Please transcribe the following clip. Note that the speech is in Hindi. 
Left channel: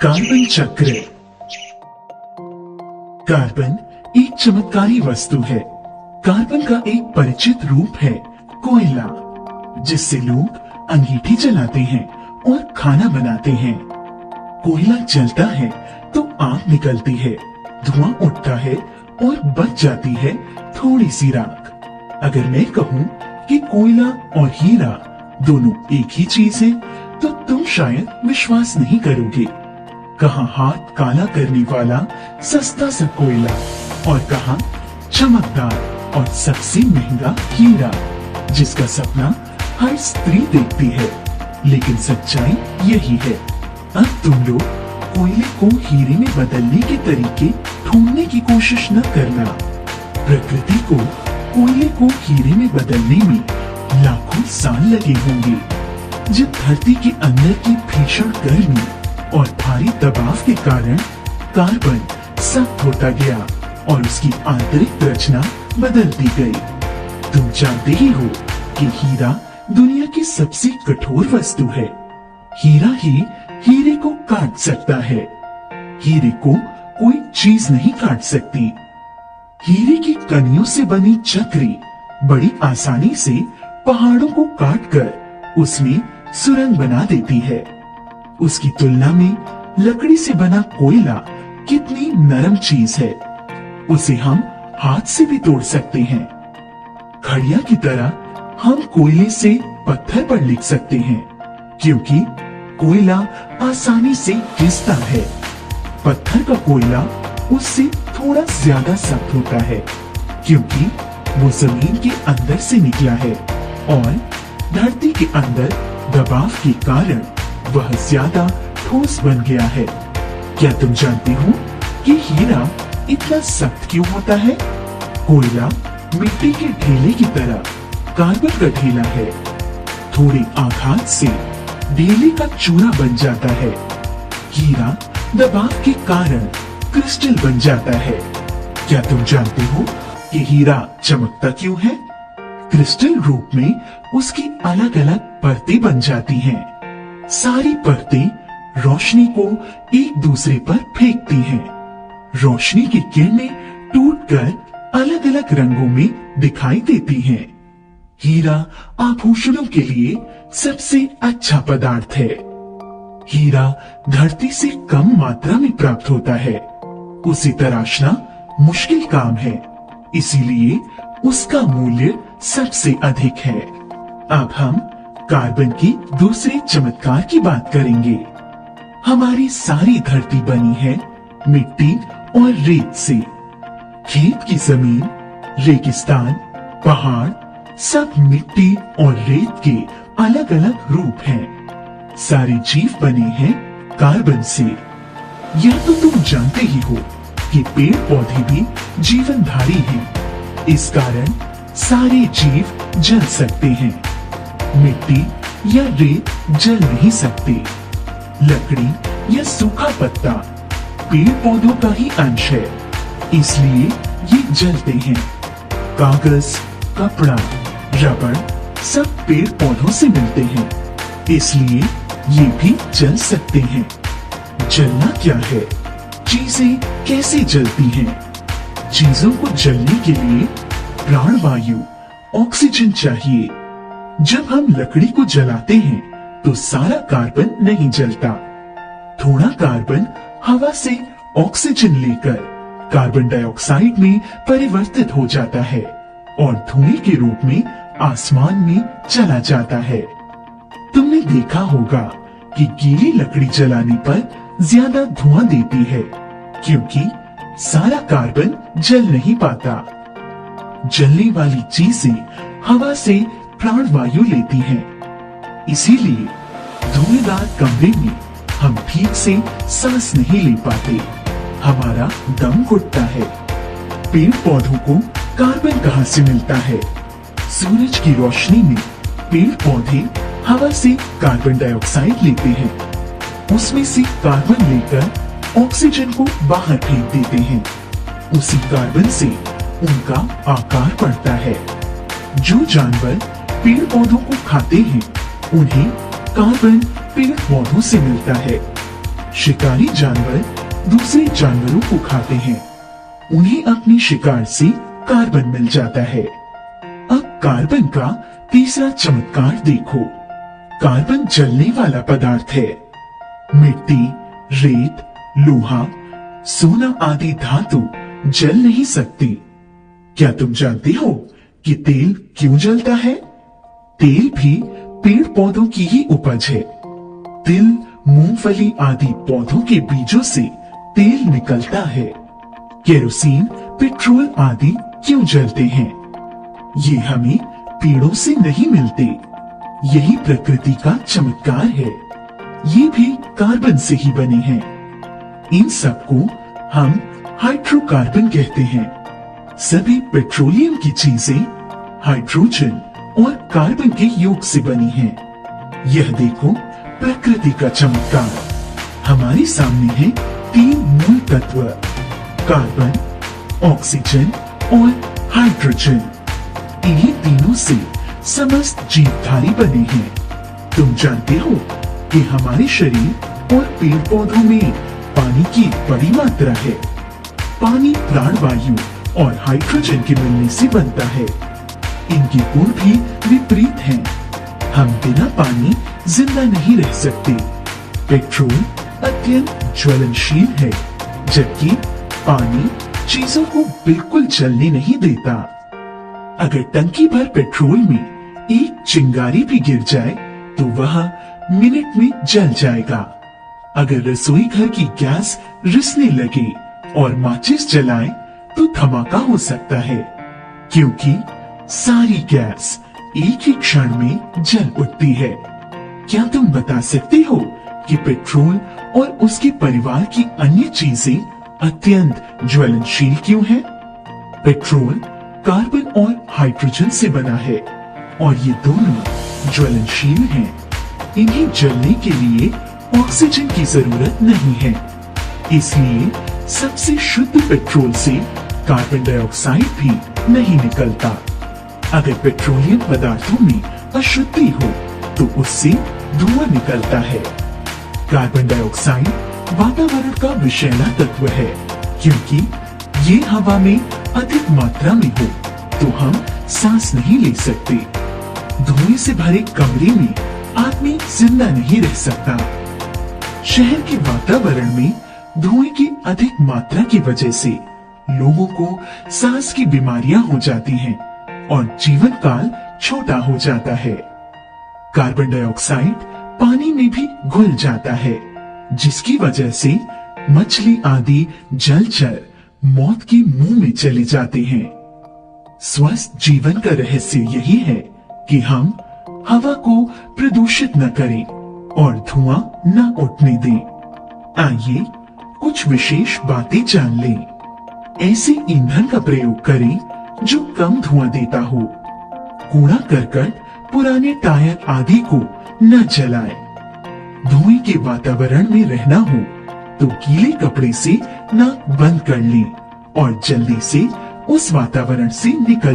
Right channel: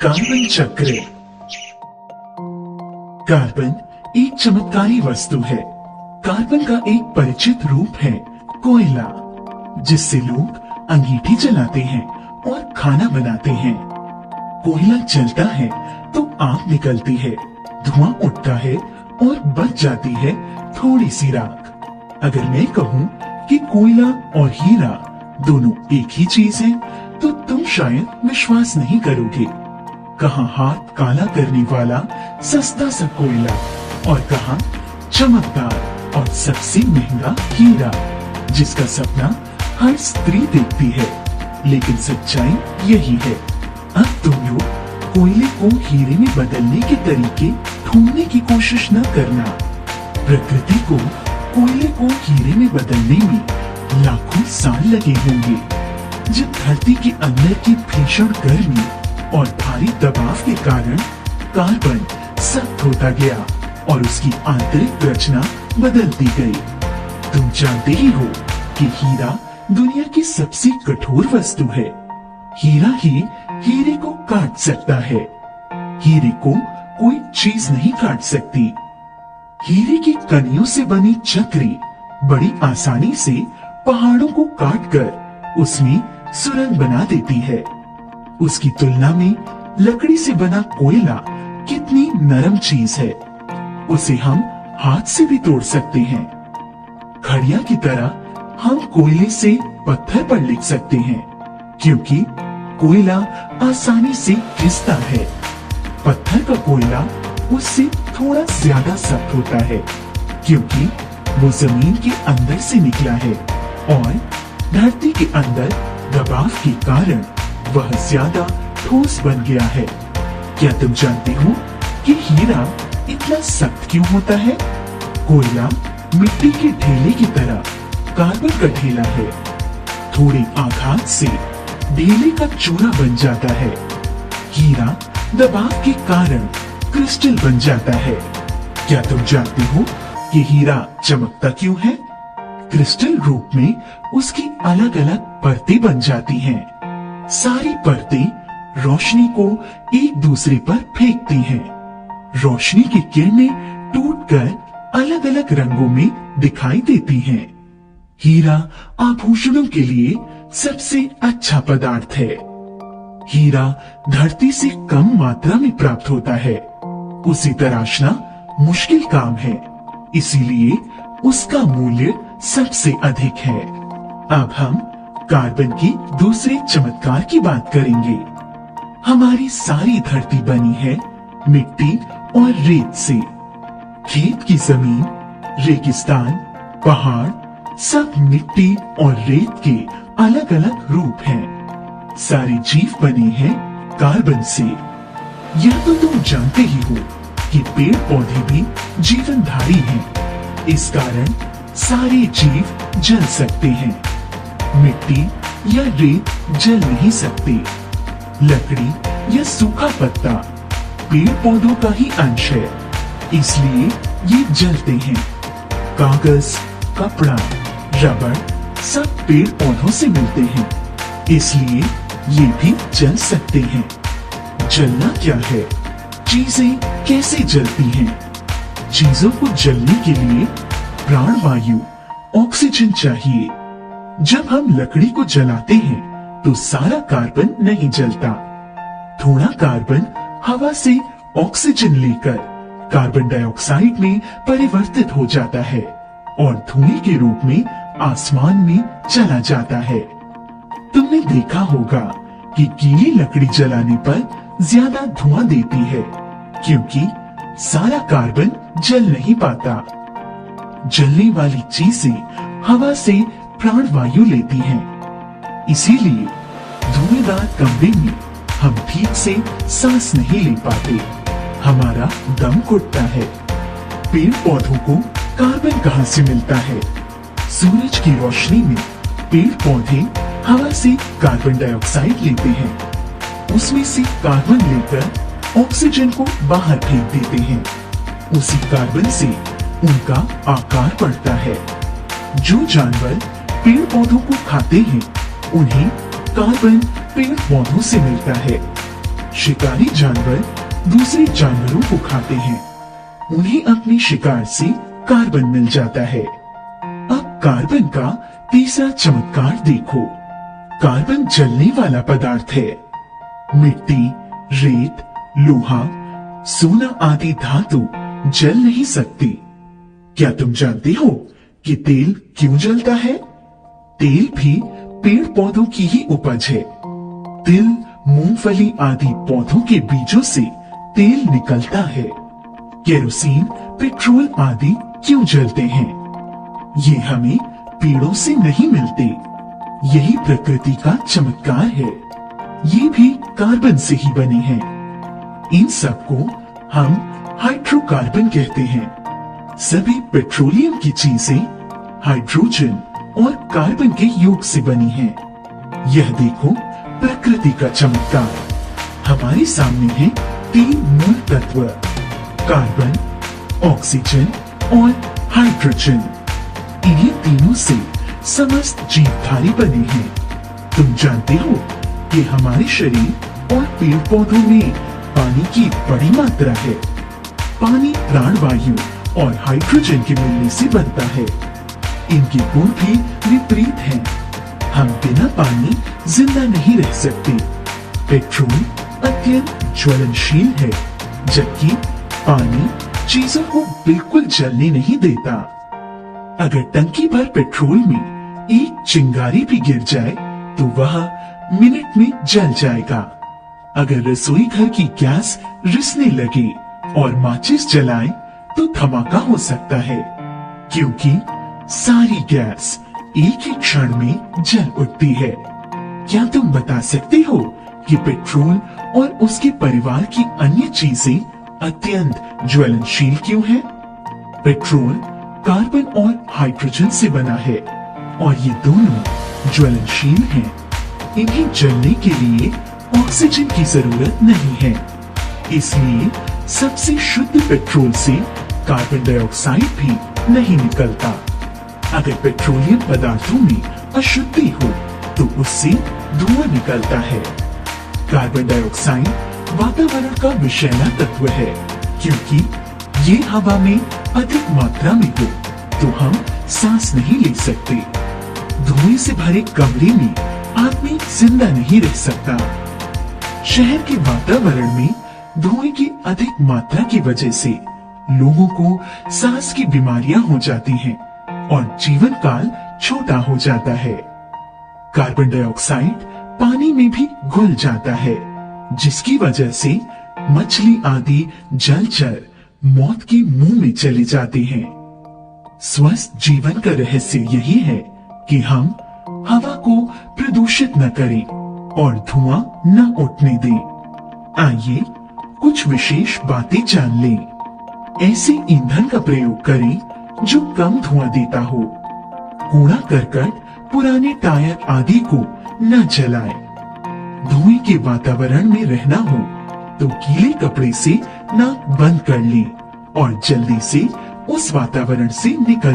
कार्बन चक्र। कार्बन एक चमत्कारी वस्तु है। कार्बन का एक परिचित रूप है कोयला, जिससे लोग अंगीठी जलाते हैं और खाना बनाते हैं। कोयला जलता है तो आग निकलती है, धुआं उठता है और बच जाती है थोड़ी सी राख। अगर मैं कहूँ कि कोयला और हीरा दोनों एक ही चीज है, तो तुम शायद विश्वास नहीं करोगे। कहाँ हाथ काला करने वाला सस्ता सा कोयला और कहाँ चमकदार और सबसे महंगा हीरा, जिसका सपना हर स्त्री देखती है। लेकिन सच्चाई यही है। अब तुम लोग कोयले को हीरे में बदलने के तरीके ढूंढने की कोशिश न करना। प्रकृति को कोयले को हीरे में बदलने में लाखों साल लगे होंगे। जब धरती के अंदर की भीषण गर्मी और भारी दबाव के कारण कार्बन सख्त होता गया और उसकी आंतरिक रचना बदलती गई। तुम जानते ही हो कि हीरा दुनिया की सबसे कठोर वस्तु है। हीरा ही हीरे को काट सकता है। हीरे को कोई चीज नहीं काट सकती। हीरे की कनियों से बनी चक्री बड़ी आसानी से पहाड़ों को काटकर उसमें सुरंग बना देती है। उसकी तुलना में लकड़ी से बना कोयला कितनी नरम चीज है। उसे हम हाथ से भी तोड़ सकते हैं। घड़िया की तरह हम कोयले से पत्थर पर लिख सकते हैं, क्योंकि कोयला आसानी से घिसता है। पत्थर का कोयला उससे थोड़ा ज्यादा सख्त होता है, क्योंकि वो जमीन के अंदर से निकला है और धरती के अंदर दबाव के कारण वह ज्यादा ठोस बन गया है। क्या तुम जानते हो कि हीरा इतना सख्त क्यों होता है? कोयला मिट्टी के ढेले की तरह कार्बन का ढेला है। थोड़ी आघात से ढेले का चूरा बन जाता है। हीरा दबाव के कारण क्रिस्टल बन जाता है। क्या तुम जानते हो कि हीरा चमकता क्यों है? क्रिस्टल रूप में उसकी अलग अलग परतें बन जाती हैं। सारी परतें रोशनी को एक दूसरे पर फेंकती हैं। रोशनी की किरणें टूटकर अलग अलग रंगों में दिखाई देती हैं। हीरा आभूषणों के लिए सबसे अच्छा पदार्थ है। हीरा धरती से कम मात्रा में प्राप्त होता है। उसे तराशना मुश्किल काम है, इसीलिए उसका मूल्य सबसे अधिक है। अब हम कार्बन के दूसरे चमत्कार की बात करेंगे। हमारी सारी धरती बनी है मिट्टी और रेत से। खेत की जमीन, रेगिस्तान, पहाड़ सब मिट्टी और रेत के अलग अलग रूप हैं। सारे जीव बने हैं कार्बन से। यह तो तुम जानते ही हो कि पेड़ पौधे भी जीवनधारी हैं। इस कारण सारे जीव जल सकते हैं। मिट्टी या रेत जल नहीं सकती। लकड़ी या सूखा पत्ता पेड़ पौधों का ही अंश है, इसलिए ये जलते हैं। कागज, कपड़ा, रबड़ सब पेड़ पौधों से मिलते हैं, इसलिए ये भी जल सकते हैं। जलना क्या है? चीजें कैसे जलती हैं? चीजों को जलने के लिए प्राणवायु ऑक्सीजन चाहिए। जब हम लकड़ी को जलाते हैं तो सारा कार्बन नहीं जलता। थोड़ा कार्बन हवा से ऑक्सीजन लेकर कार्बन डाइऑक्साइड में परिवर्तित हो जाता है और धुएं के रूप में आसमान में चला जाता है। तुमने देखा होगा कि गीली लकड़ी जलाने पर ज्यादा धुआं देती है, क्योंकि सारा कार्बन जल नहीं पाता। जलने वाली चीजें हवा से प्राणवायु लेती हैं, इसीलिए धुएंदार कमरे में हम ठीक से सांस नहीं ले पाते। हमारा दम घुटता है। पेड़ पौधों को कार्बन कहाँ से मिलता है? सूरज की रोशनी में पेड़ पौधे हवा से कार्बन डाइऑक्साइड लेते हैं। उसमें से कार्बन लेकर ऑक्सीजन को बाहर फेंक देते हैं। उसी कार्बन से उनका आकार बढ़ता है। जो जानवर पेड़ पौधों को खाते हैं, उन्हें कार्बन पेड़ पौधों से मिलता है। शिकारी जानवर दूसरे जानवरों को खाते हैं। उन्हें अपने शिकार से कार्बन मिल जाता है। अब कार्बन का तीसरा चमत्कार देखो। कार्बन जलने वाला पदार्थ है। मिट्टी, रेत, लोहा, सोना आदि धातु जल नहीं सकते। क्या तुम जानते हो कि तेल क्यों जलता है? तेल भी पेड़ पौधों की ही उपज है। तिल, मूंगफली आदि पौधों के बीजों से तेल निकलता है। केरोसिन, पेट्रोल आदि क्यों जलते हैं? ये हमें पेड़ों से नहीं मिलते। यही प्रकृति का चमत्कार है। ये भी कार्बन से ही बने हैं। इन सबको हम हाइड्रोकार्बन कहते हैं। सभी पेट्रोलियम की चीजें हाइड्रोजन और कार्बन के योग से बनी हैं। यह देखो प्रकृति का चमत्कार। हमारे सामने है 3 मूल तत्व, कार्बन, ऑक्सीजन और हाइड्रोजन। इन्हीं तीनों से समस्त जीवधारी बने हैं। तुम जानते हो कि हमारे शरीर और पेड़ पौधों में पानी की बड़ी मात्रा है। पानी प्राणवायु और हाइड्रोजन के मिलने से बनता है। इनके गुण भी विपरीत हैं। हम बिना पानी जिंदा नहीं रह सकते। पेट्रोल अत्यंत ज्वलनशील है, जबकि पानी चीजों को बिल्कुल जलने नहीं देता। अगर टंकी भर पेट्रोल में एक चिंगारी भी गिर जाए तो वह मिनट में जल जाएगा। अगर रसोई घर की गैस रिसने लगे और माचिस जलाएं तो धमाका हो सकता है, क्योंकि सारी गैस एक ही क्षण में जल उठती है। क्या तुम बता सकते हो कि पेट्रोल और उसके परिवार की अन्य चीजें अत्यंत ज्वलनशील क्यों हैं? पेट्रोल कार्बन और हाइड्रोजन से बना है और ये दोनों ज्वलनशील हैं। इन्हें जलने के लिए ऑक्सीजन की जरूरत नहीं है। इसलिए सबसे शुद्ध पेट्रोल से कार्बन डाइऑक्साइड भी नहीं निकलता। अगर पेट्रोलियम पदार्थों में अशुद्धि हो तो उससे धुआं निकलता है। कार्बन डाइऑक्साइड वातावरण का विषैला तत्व है, क्योंकि ये हवा में अधिक मात्रा में हो तो हम सांस नहीं ले सकते। धुएं से भरे कमरे में आदमी जिंदा नहीं रह सकता। शहर के वातावरण में धुएं की अधिक मात्रा की वजह से लोगों को सांस की बीमारियां हो जाती हैं और जीवन काल छोटा हो जाता है। कार्बन डाइऑक्साइड पानी में भी घुल जाता है, जिसकी वजह से मछली आदि जलचर मौत के मुंह में चले जाते हैं। स्वस्थ जीवन का रहस्य यही है कि हम हवा को प्रदूषित न करें और धुआं न उठने दें। आइए कुछ विशेष बातें जान लें। ऐसे ईंधन का प्रयोग करें जो कम धुआं देता हो। कूड़ा करकट, पुराने टायर आदि को न जलाएं। धुएं के वातावरण में रहना हो तो गीले कपड़े से नाक बंद कर लें और जल्दी से उस वातावरण से निकल